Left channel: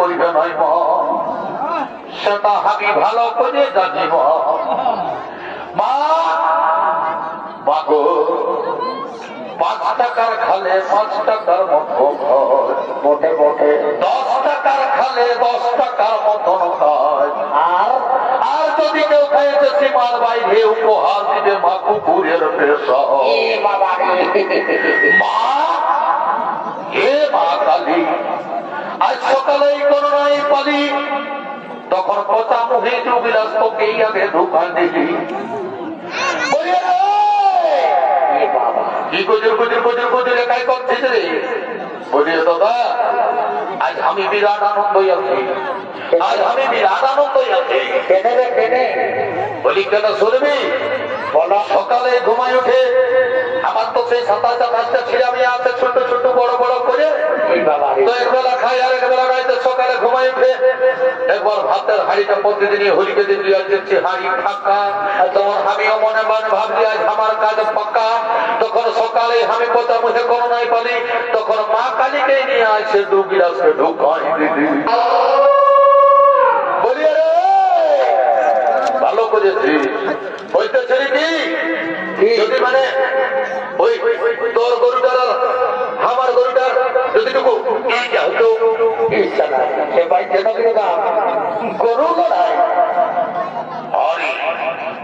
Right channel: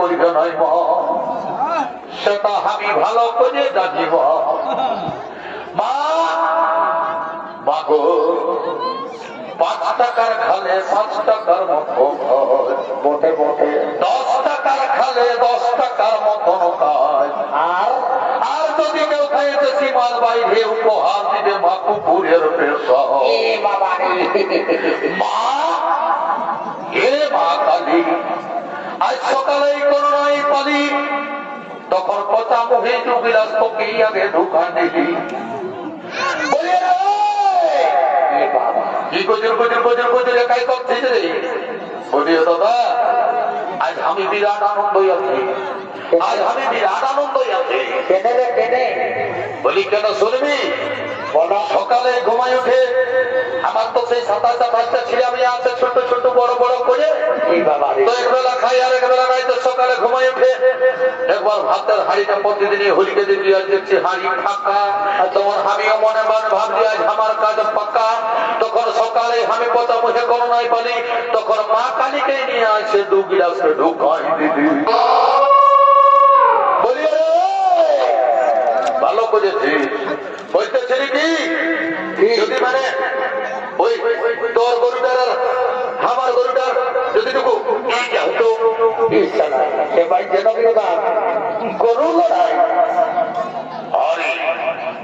করিবে মা। সেটা আমি ভালো করে জানিব। মা মাগো পাঁচ টাকার খালে পাঁচ টাকার মতো মোটে মোটে দশ টাকার খালে দশ টাকার মতন কাজ আর? আর যদি কেউ খাইতে সীমার বাইরে উপহার দিবে মা কুকুরের পেশা। মা হে মা কালী আজ সকালে পালি তখন পচা মুহে আগে ঢুকায় দিলি। কি গজর গজর গজর গজর একাই করছিস রে? বলি দাদা আজ আমি বিরাট আনন্দ আছি। আজ আমি বিরাট আনন্দ আছি। কেনে রে কেনে? বলি কেন শুনবি? বলো সকালে ঘুমাই উঠে আমার তো সেই সাতাশ আঠাশটা ছেলে আমি আছে ছোট ছোট বড় বড় করে। তো একবেলা খাই আর তো সকালে ঘুমাই উঠে একবার ভাতের হাড়িটা প্রতিদিনই হোলিকে দিন আজ দেখছি হাড়ি ফাঁকা আর তখন আমিও মনে মনে ভাবছি আজ আমার কাজ পাক্কা। তখন সকালে আমি পচা মুখে কোনো নাই পালি তখন মা কালীকে নিয়ে আসে দু গিলাসে ঢুকাই দিদি ভালো করেছি বলতেছিলি কি? যদি মানে ওই তোর গরুটার আর আমার গরুটার যদি টুকু হতো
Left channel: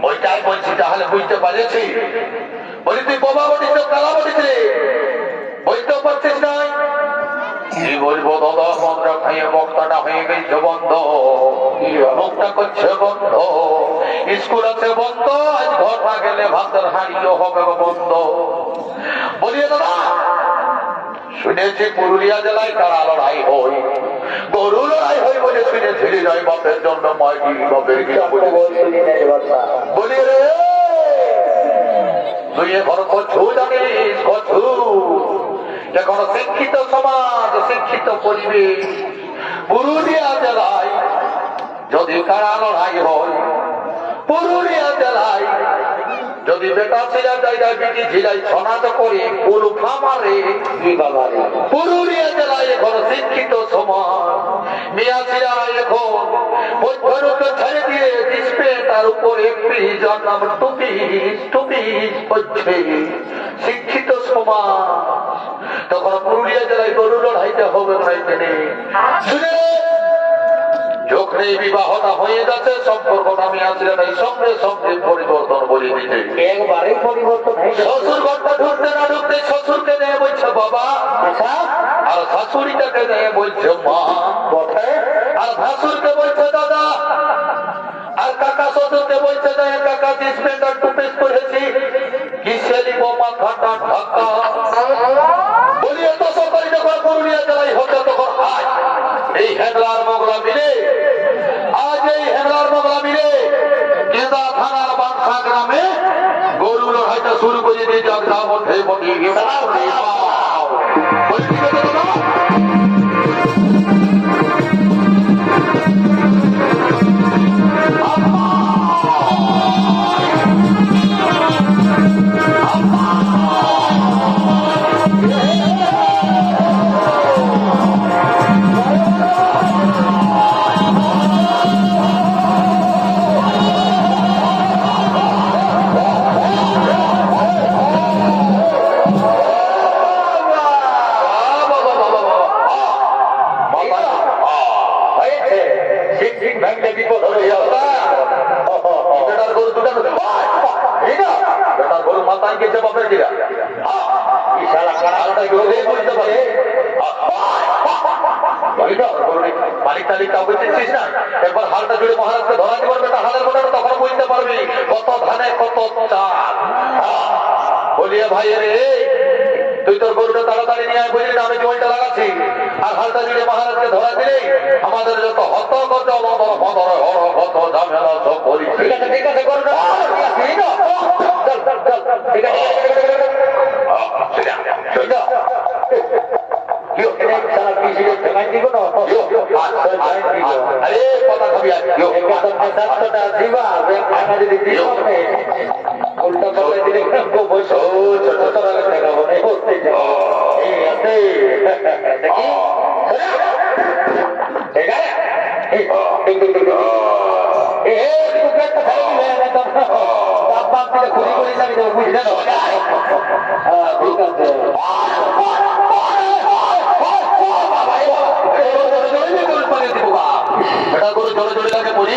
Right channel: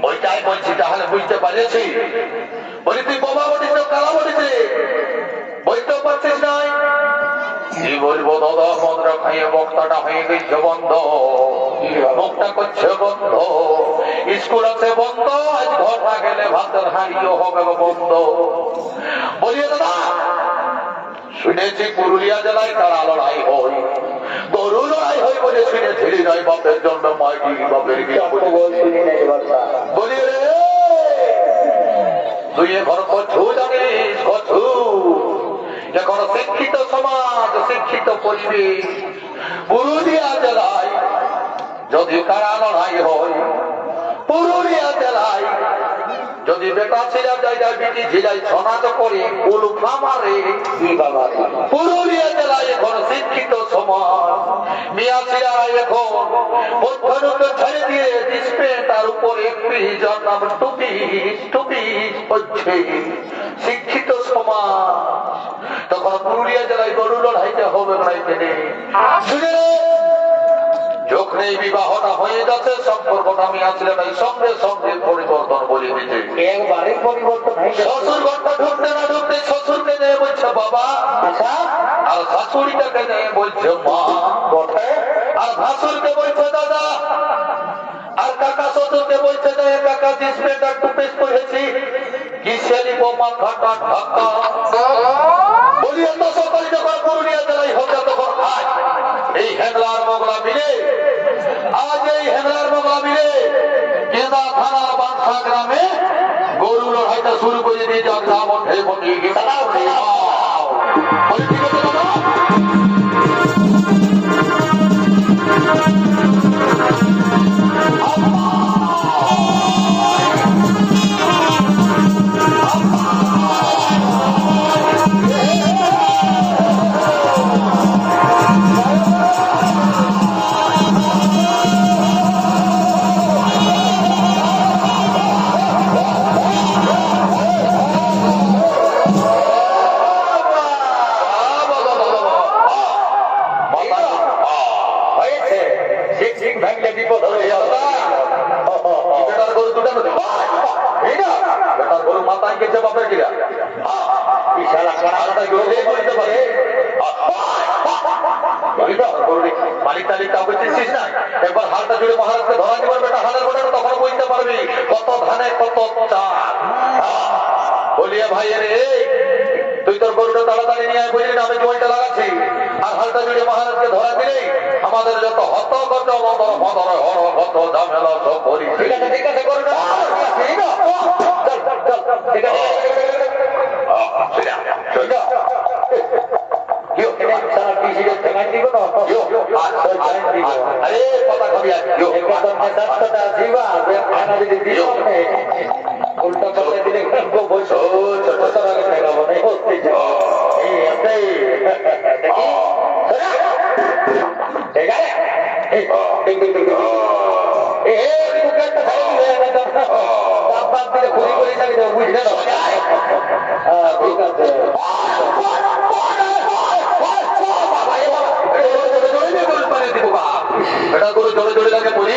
ওইটাই বলছি তাহলে বুঝতে পারছি বলি তুই বোমা বটিস কালা বটিস রে কি বলব দাদা মন্ত্র খাইয়ে বক্তাটা হয়ে গেছে বন্ধ মুখটা করছে বন্ধ স্কুল আছে বন্ধ আজ ঘর না গেলে ভাতের হাঁড়িও হবে বন্ধ বলিয়ে দাদা শুনেছি পুরুলিয়া জেলায় তারা লড়াই হয়? গরু লড়াই হয় বলে শুনেছি হৃদয় বাপের জন্য মাইটি বাপের বলে রে তুই এখন কছু জানিস কছু? এখন শিক্ষিত সমাজ শিক্ষিত পরিবেশ। পুরুলিয়া জেলায় যদি কারা লড়াই হয় শিক্ষিত সমাজ। তার উপর তখন পুরুলিয়া জেলায় গরু লড়াইতে হবে লড়াইতে নেই শুনে যখন এই বিবাহটা হয়ে যাচ্ছে সম্পর্কটা আমি আসলে এই সঙ্গে সঙ্গে পরিবর্তন বলে দিতে। একবারে পরিবর্তন শ্বশুর ঘরটা ঢুকতে না ঢুকতে শ্বশুরকে নিয়ে বলছে বাবা আচ্ছা। আর শাশুড়িটাকে নিয়ে বলছে মা। আর ভাসুরকে বলছে দাদা। আর কাকা শ্বশুরকে বলছে যে কাকা ডিসপ্লেটা টুপিস করেছি। কিসেলি বোমা খাটা ঢাকা বলিয়ে তো সকলে যখন পুরুলিয়া জেলায় হচ্ছে তখন আজ করে দিয়ে যাক মালিক তালিক কাউকে চিনছিস না একবার হালটা জুড়ে মহারাজকে ধরা দিবার বেটা হালের বেটা তখন বুঝতে পারবি। কত ধানে কত চাল। আহ, ভাই রে তুই তোর গরুটা তাড়াতাড়ি নিয়ে আয় বুঝলি আমি জমিটা লাগাচ্ছি। আর হালটা জুড়ে মহারাজকে ধরা দিলেই আমাদের যত হত কত মদর মদর হর কত ঝামেলা সব করি ঠিক আছে ঠিক আছে করো ঠিক আছে ঠিক আছে আছে খাবি আজ সাতটা দিবা খানা যদি উল্টা পাল্টা দিলে বসে ছোট ছোট টাকা মনে আছে দেখি ঠিক আছে। এই ঠিক ঠিক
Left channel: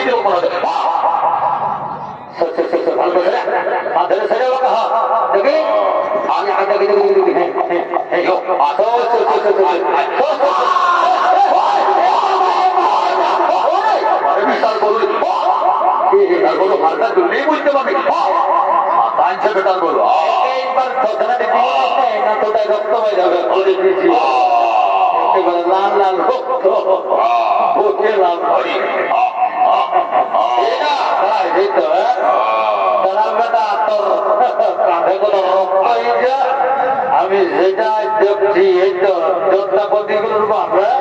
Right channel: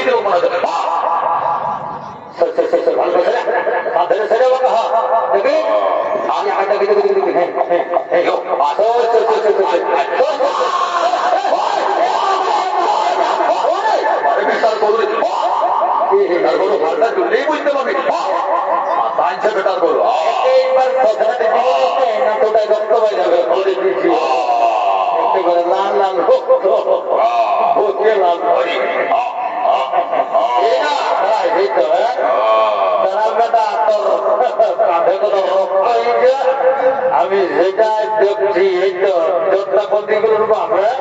জোরে তাকে পড়িয়ে দিব মনে হচ্ছে সর সর সর সর ভালো করে মাথায় ছেড়ে বাবা হ্যাঁ দেখি আমি আগে দেখি দেখি দেখি হ্যাঁ হ্যাঁ হ্যাঁ সর সর সর সর আরে তার গরু মালটা জলদিই বুঝতে পারবি টাইমছে বেটার গরু এইবার কথাটা না তোটা রক্ত হয়ে যাবে ওরে দিছি লাল লাল রক্ত লাল হ্যাঁ? আমি যেটা দেখছি এই তো যোদ্ধা বাপ হ্যাঁ?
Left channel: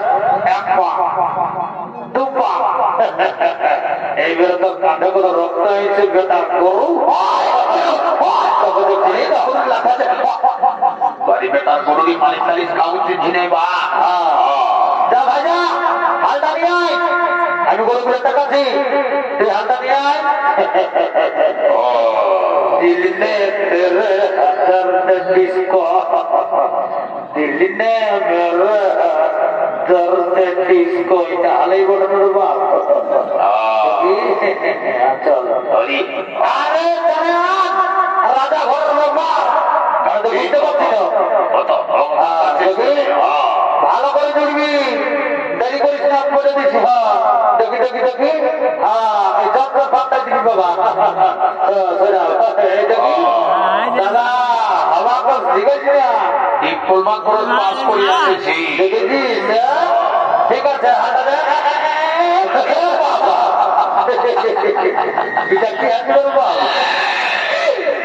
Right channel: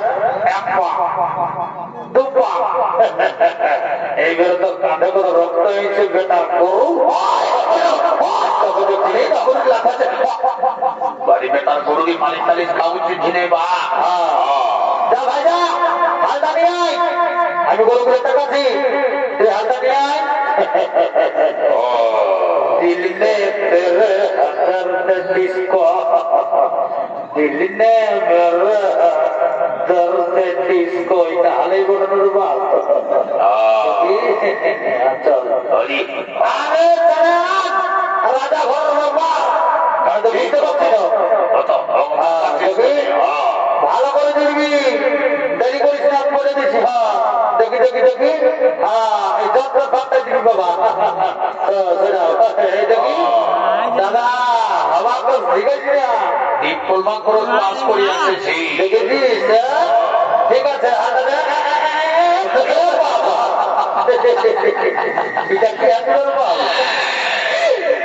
এক পা দু পা এইবারে তো কাঁধে কোনো রক্ত হয়েছে বেটা করু আছে। বাড়ি বেটার গরুরই মালিক তালিক খাউছি ঝিনে বা? যা ভাই যা হালটা নিয়ে আমি গোল করে পারছি তুই হালটা দিয়ে রাজা ঘর বুঝতে পারছি না। ভালো করে দেখবি দেরি করিস না করে দিছি হ্যাঁ। দেখি দেখি দেখি। হ্যাঁ এই যন্ত্র ফাঁকটা দিবি বাবা। হ্যাঁ, এই দেখি। দাদা আমার তো শিখেছি না ডিপ্লোমা কোর্স পাস করে আসেছি। দেখেছিস হ্যাঁ? ঠিক আছে হাঁটা দে বাবা এটা কি আছে বাবা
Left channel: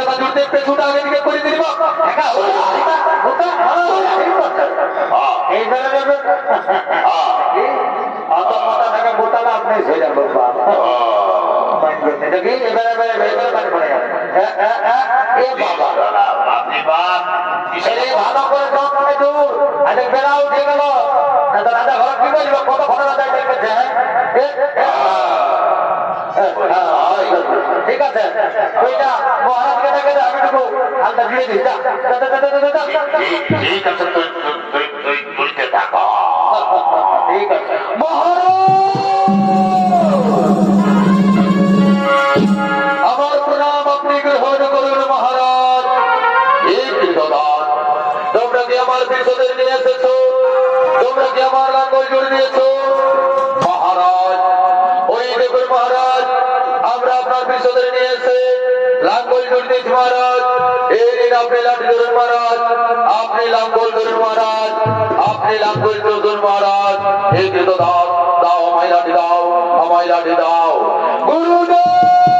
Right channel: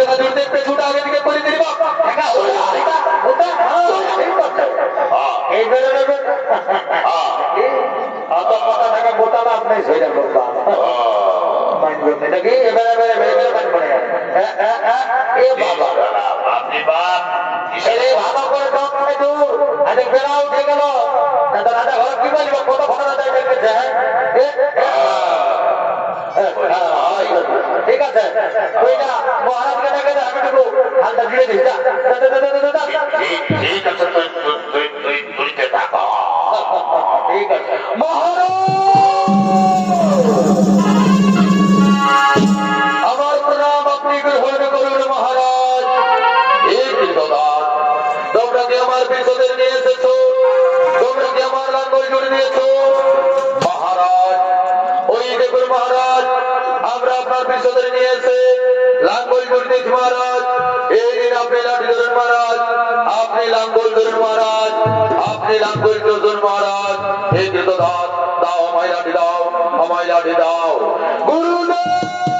হালটা জুড়তে না জুড়তে পেছুটা আগে দিকে করে দিলি বাপ দেখা হলো। হ্যাঁ, এই বেড়ে যাবে হ্যাঁ, অত মোটা টাকা মোটা লাভ নেই সই যাব হ্যাঁ। দেখি এবারে এবারে এবারে পানি পড়ে এ বাবা আপনি বাপ এই ভালো করে সব করে দূর আজকে বেড়া উঠে গেল দাদা দাদা ঘর কি বলব কত ঘটনা দেয় দেখেছে ঠিক আছে ওইটা মহারাজকে দেখে যা, আমার প্রণাম আপনি গ্রহণ করুন মহারাজ তোমরা কি আমার বিপদের নিয়ে এসেছ তোমরা কি আমার লাঙ্গল জুড়ে মহারাজ ওই দেখুন মহারাজ, আমরা আপনার বিপদের নিয়ে এসে লাঙ্গল দিয়েছি মহারাজ, এই দিন আপনি লাঠি ধরুন মহারাজ, আপনি লাঙ্গল ধরুন মহারাজ দাও দাও, আমায় গুরুদেব!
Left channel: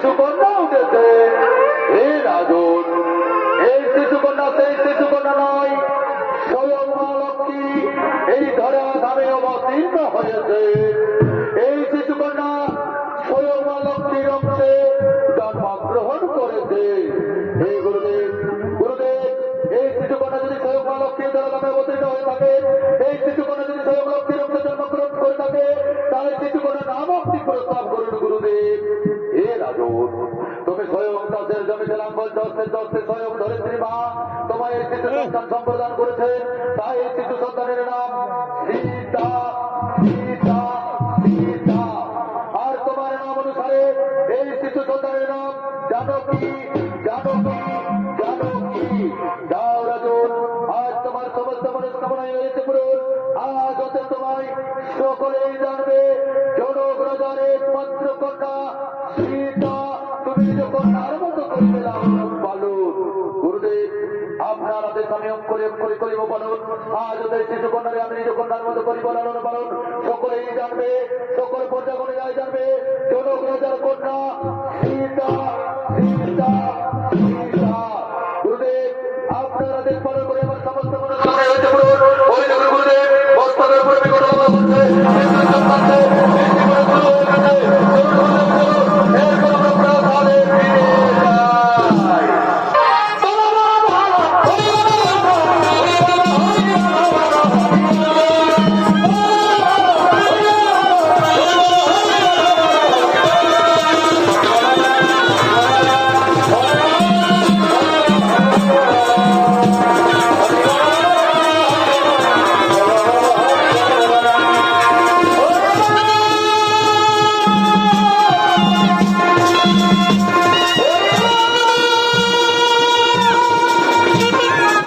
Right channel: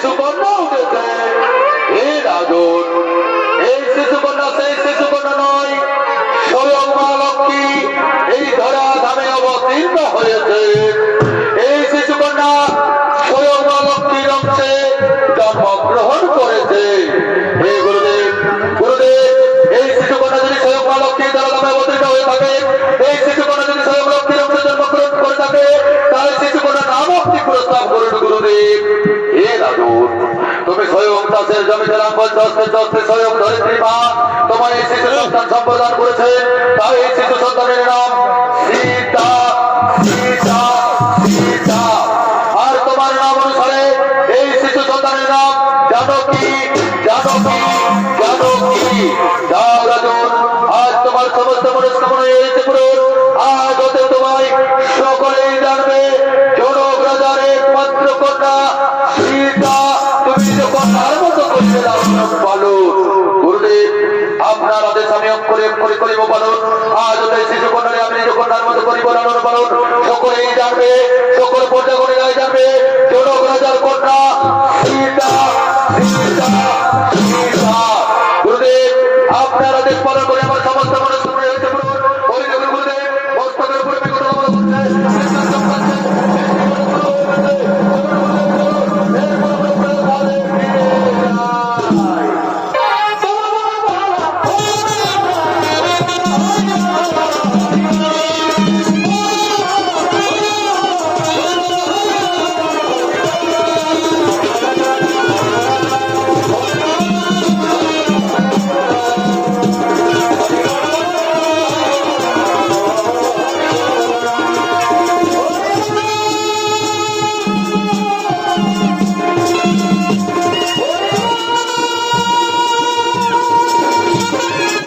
শিশুকন্যা উঠেছে এই রাজন এই শিশুকন্যা, সেই শিশুকন্যা নয়। স্বয়ং মা লক্ষ্মী এই ধরা ধামে অবতীর্ণ হয়েছে। এই শিশুকন্যা স্বয়ং মা লক্ষ্মীর অংশে জন্মগ্রহণ করেছে। হে গুরুদেব হে তুমি স্বয়ং চাষের জমিতে লাঙ্গল চস্তে চস্তে স্বয়ং ধরিত্রী মা তোমার এই তোমায় সকলেই জানবে জনক রাজার একমাত্র সীতা পালন আপনার আদেশ আমি অক্ষরে অক্ষরে করিব পালন। আজ হতে শিশু কন্যারে আমি নিজ কন্যার মতো করিব সকলেই জানবে, সকল পর্যাগণেরাই জানবে জনক যার কন্যা।